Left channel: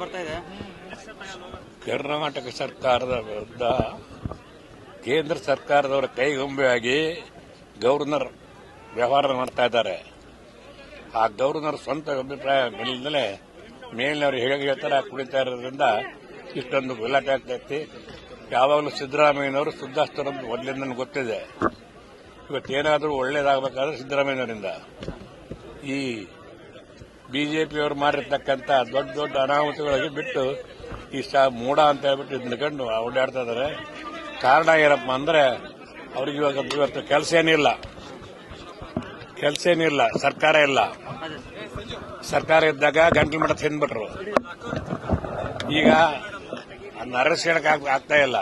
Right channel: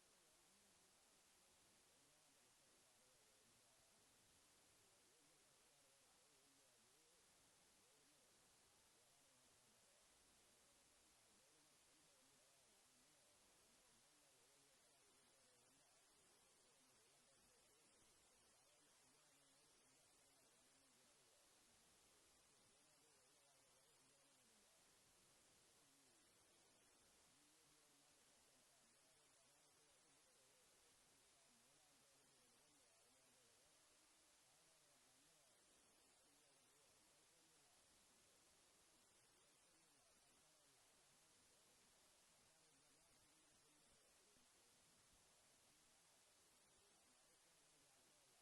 ಬರ್ತಾ ಇದೆ? ಕರ್ನಾಟಕ ಸರ್ಕಾರದ ವಿರುದ್ಧ ಕೇಂದ್ರ ಸರ್ಕಾರದವರ ಕೈಗೊಂಬೆಯಾಗಿ ಗವರ್ನರ್ ವ್ಯವಹಾರ ಮಾಡ್ತಾ ಇದ್ದಾರೆ. ಆ ಗವರ್ನರ್ ಸ್ವಂತ ಅಭಿಪ್ರಾಯ ಮೇಲಿಂದಲೇ ಮೇಲಿನವರು ಹೇಗೆ ಹೇಳ್ತಾರೆ ಕುಡಿತಾ ಇರೋದ್ರಿಂದ ಇಷ್ಟೊಂದು ಗಲಾಟೆ ಆಗ್ತೈತಿ ಯಾವಾಗಲೂ ಸಿದ್ದರಾಮಯ್ಯನವರು ಸುದ್ದಾಸ್ತರ ಮೊದಲಿಂದ ಗೊತ್ತಿದೆ. ಇವತ್ತೇನಾದರೂ ಒಳ್ಳೇದಾಗಬೇಕಾದ್ರೆ ಸಿದ್ದರಾಮಯ್ಯನವರಿಂದ. ಈ ಬಿಜೆಪಿಯವರು ಮಾಡಿರ್ತಕ್ಕಂಥ ದೊಡ್ಡ ದೊಡ್ಡ ಅನಾಹುತಗಳಿಗೆ ಬಿಟ್ಟು ಈ ಸಹ ಮೂಡ ಅಂತ ಹೇಳ್ಬಿಟ್ಟು ನಿಂತ್ಕೊಂಡು ಓಡಾಡ್ತಾ ಇದ್ದಾರೆ. ಕಾರಣ ಏನಪ್ಪ ಅಂದ್ರೆ ಅವ್ರಿಗೆ ಇವಾಗ ಇವತ್ತು ಕೆಲಸ ಏನಿಲ್ಲ. ಕೆಲಸ ಏನಿಲ್ಲ. ಸರ್ಕಾರ ಇಲ್ಲ. ಸರ್ಕಾರ ಇದ್ದಾಗ ಗಂಟ್ಲು ಮಠ ತಿಂದ್ಬಿಟ್ರು. ಈಗ ನರಸೇನಕ್ಕೆ ಆಗ್ತಾ ಇಲ್ಲ.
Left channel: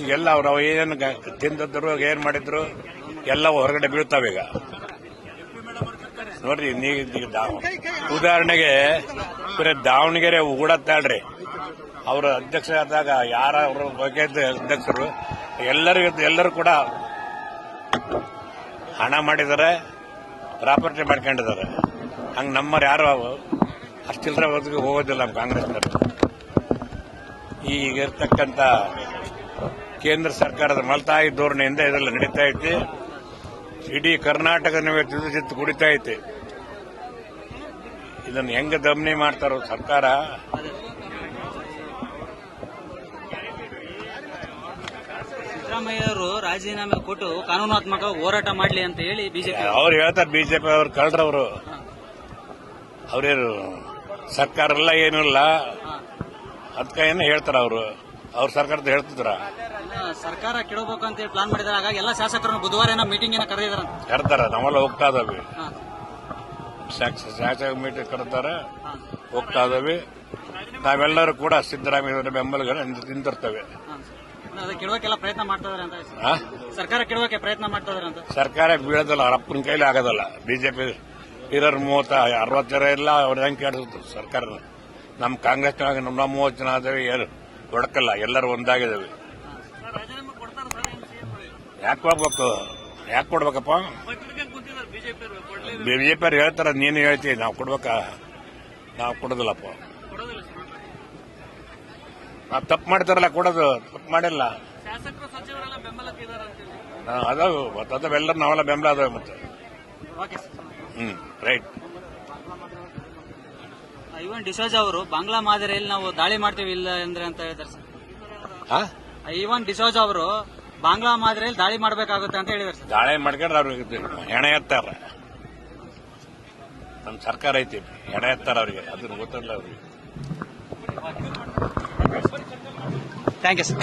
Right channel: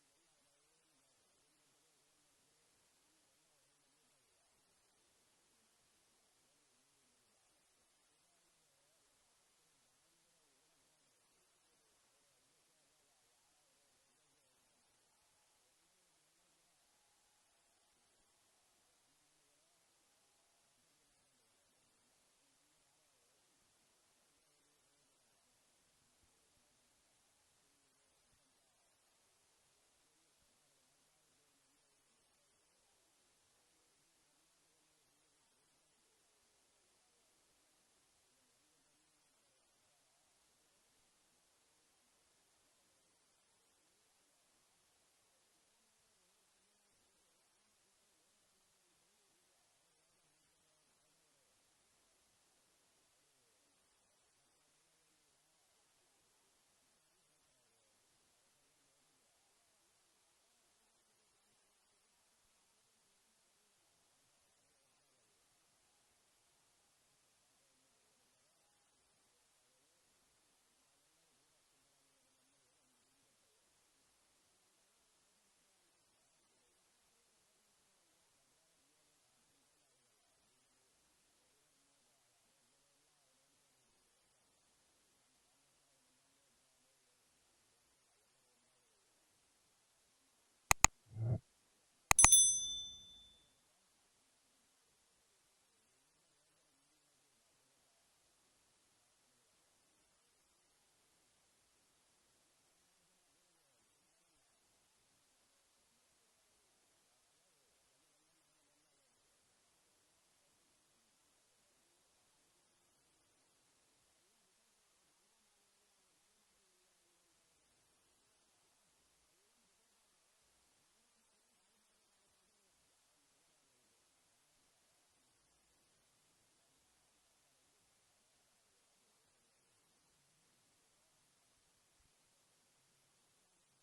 ಈಗೆಲ್ಲ ಅವ್ರು ಏನೇನು ತಿಂದಿದ್ರು ಏನ್ ಮಾಡಿದ್ರು? ಎಲ್ಲ ಹೊರಗಡೆ ಬೀಳ್ತಾವೀಗ. ನೋಡ್ರಿ, ನೀ ಉದಾಹರಣೆಗೆ, ಬರೀ ದಾವಣಗೆರೆ ಉಗುಡತ್ತಾಳ್ರಿ ಅವರ ಅಧ್ಯಕ್ಷರಾದಾಗ ಯಾರ ಅವರ ಬಗ್ಗೆ ಅಧ್ಯಕ್ಷರು, ಎಲ್ಲರಿಗೂ ಎಲ್ಲರೂ ಕೂಡ ಹಣ ಮಾಡಿದ್ದಾರೆ, ಪ್ರಾಪರ್ಟಿ ಮಾಡ್ಕೊಂಡಿದ್ದಾರೆ. ಹಂಗೆ ನಮ್ಮರು ಯಾರು ಅಷ್ಟಿಲ್ಲರ ಬದುಕಿಗೆ ಹೋಗೋದಿಲ್ಲ ನಮ್ಮ ಕಾಂಗ್ರೆಸ್ನವರು. ಈಗಿರ್ತಕ್ಕಂಥ ಕೇಂದ್ರ ಸರ್ಕಾರದ ಮಲ್ತಾಯಿ ಧೋರಣೆಯಿಂದ ಇದೆಲ್ಲ ನಡೀತಾ ಐತಿ. ಇಡೀ ಕರ್ನಾಟಕ ಚಿತ್ತು ಕುಡಿತಾ ಐತೆ. ಇದನ್ನು ಹೆಂಗ ದಮನಿ ಮಾಡ್ತಾರೋ ಸರ್ಕಾರ? ಸಿದ್ದರಾಮಯ್ಯ ಅವರು ರಾಜೀನಾಮೆ ಕೊಟ್ಟು ಕಾನೂನಾತ್ಮಕ ಹೋರಾಟ ಮಾಡಲಿ ಅಂತ ಹೇಳಿ ಬಿಜೆಪಿ ಅವ್ರು ಹೇಳ್ತಾರೆ ಬಿಜೆಪಿ ಅವ್ರು ಕಳ್ರವರು. ಅವ್ರೇನು ಸರ್ಕಾರ ಎಲ್ಲ ಏನಿಲ್ಲ ಇಲ್ಲ. ಅದಕ್ಕೆ ಏನು ಹೇಳ್ತಾರ ಅವರು? ಅವ್ರ ಸರ್ಕಾರದ ಹೇಳ್ತಿದ್ರ ಸರ್ಕಾರ ಕೆಡಬೇಕು ಅಂತ ಹೇಳಿ ಪ್ಲಾನ್ ಮಾಡಿದಾರೆ ಹಾಗಾಗಿ ಎಲ್ಲ ಶಾಸಕರನ್ನು ಬುಧವಾರ ಏನೋ ಮೀಟಿಂಗ್ ಏನೋ ಕರೆದಿದ್ದಾರೆ ಕರ್ತಾರ ನಾವೆಲ್ಲ ಹೋಗ್ತಾ ಇದಾವೆ. ಶಾಸಕ ಮೀಟಿಂಗ್ ಕರ್ತಾರೆ ಹೋಗ್ತಾ ಇದಾವೆ. ನಾವೆಲ್ಲರೂ ಕೂಡ ಸಿದ್ದರಾಮಯ್ಯ ಬೆಂಬಲಗಳ ನಿಂತಿರ್ತವೆ. ಅದು ಕೆಡವಕ್ಕೆಲ್ಲ ಪ್ರಯತ್ನ ಮಾಡ್ತಾ ಇದಾರೆ ಅಂತ ಆ? ಸರ್ಕಾರ ಕೆಡವಕ್ಕೆ ಪ್ರಯತ್ನ ಮಾಡ್ತಾ ಇದಾರೆ ಅಂತ. ಸರ್ಕಾರ ಬೀಳೋದಲ್ಲ ಅವ್ರ ಅಪ್ಪನ ಕೈಲಿ ಆಗೋದಲ್ಲ. ಬಿಜೆಪಿ ಇರೋರು ಮೂವತ್ತ ಅರವತ್ತರ ಇಲ್ಲ ಅವ್ರ ಹೆಂಗ್ ಕೇಳಿದ್ರು ಸರ್ಕಾರ ನಮ್ಮ ಕಾಂಗ್ರೆಸ್ನಾಗ ನಮ್ಮ ಮೂವತ್ತು ಜನ ಆದ್ರೆ ಏನು ಹೊಡಕಲ್ಲ ಎಲ್ಲರೂ ಒಂದಾಗಿದ್ದಾವೆ ಯಾಕೆ ಕೊಡ್ಬೇಕು ಯಾಕೆ ಕೊಡ್ಬೇಕಪ್ಪ? ಬಿಜೆಪಿ ಅವ್ರು ಹೇಳ್ತಾರ, ನೀನು ಹೇಳ್ತೀವಿ ನಾವು ಕೊಡ್ಬೇಕಾ? ನಾವು ಕೊಡೋದಿಲ್ಲಪ್ಪ. ನಾವು ತಪ್ಪು ಮಾಡ್ತಾರಲ್ಲ, ಕೊಡೋದು, ತಪ್ಪು ಮಾಡಿಲ್ಲ. ಅದಾವು, ಮತ್ತೆ ಅದಾವೆಲ್ಲರೂ ನಾವೆಲ್ಲ ಬೆಂಬಲ ಅದಾವೆ ಮತ್ತೆ. ಓಕೆ ರೈಟ್ ಡಿಸೋಜ್ ಅವರು ಬಾಂಗ್ಲಾ ಮಾದರಿಯಲ್ಲಿ ನಾವು ದಾಳಿ ಮಾಡ್ತೀವಿ ಇಲ್ಲ ಅಂದ್ರೆ ಅಂತ ಹೇಳಿದಾರೆ ಸರ್. ಈವನ್ ಡಿಸೋಜ್ ಅವರು ಬಾಂಗ್ಲಾ ಮಾದರಿಯಲ್ಲಿ ದಾಳಿ ಮಾಡಬೇಕಾಗುತ್ತೆ ಅಂತ ಹೇಳಿದಾರೆ ಸರ್. ದಾಳಿ ಮಾಡ್ಕೊಂಡ್ರೆ ಅವ್ರಿಗೆ ಹೆಣೆ ಎತ್ತಾರ. ನಮ್ಮ ಸರ್ಕಾರ ಐತಿ ಹೆಣೆ ಎತ್ತಾರ ಅವರಿಗೆ. ಅದನ್ನ ಗೊತ್ತಿಲ್ಲ ಅವ್ರಿಗೆ. Thank you sir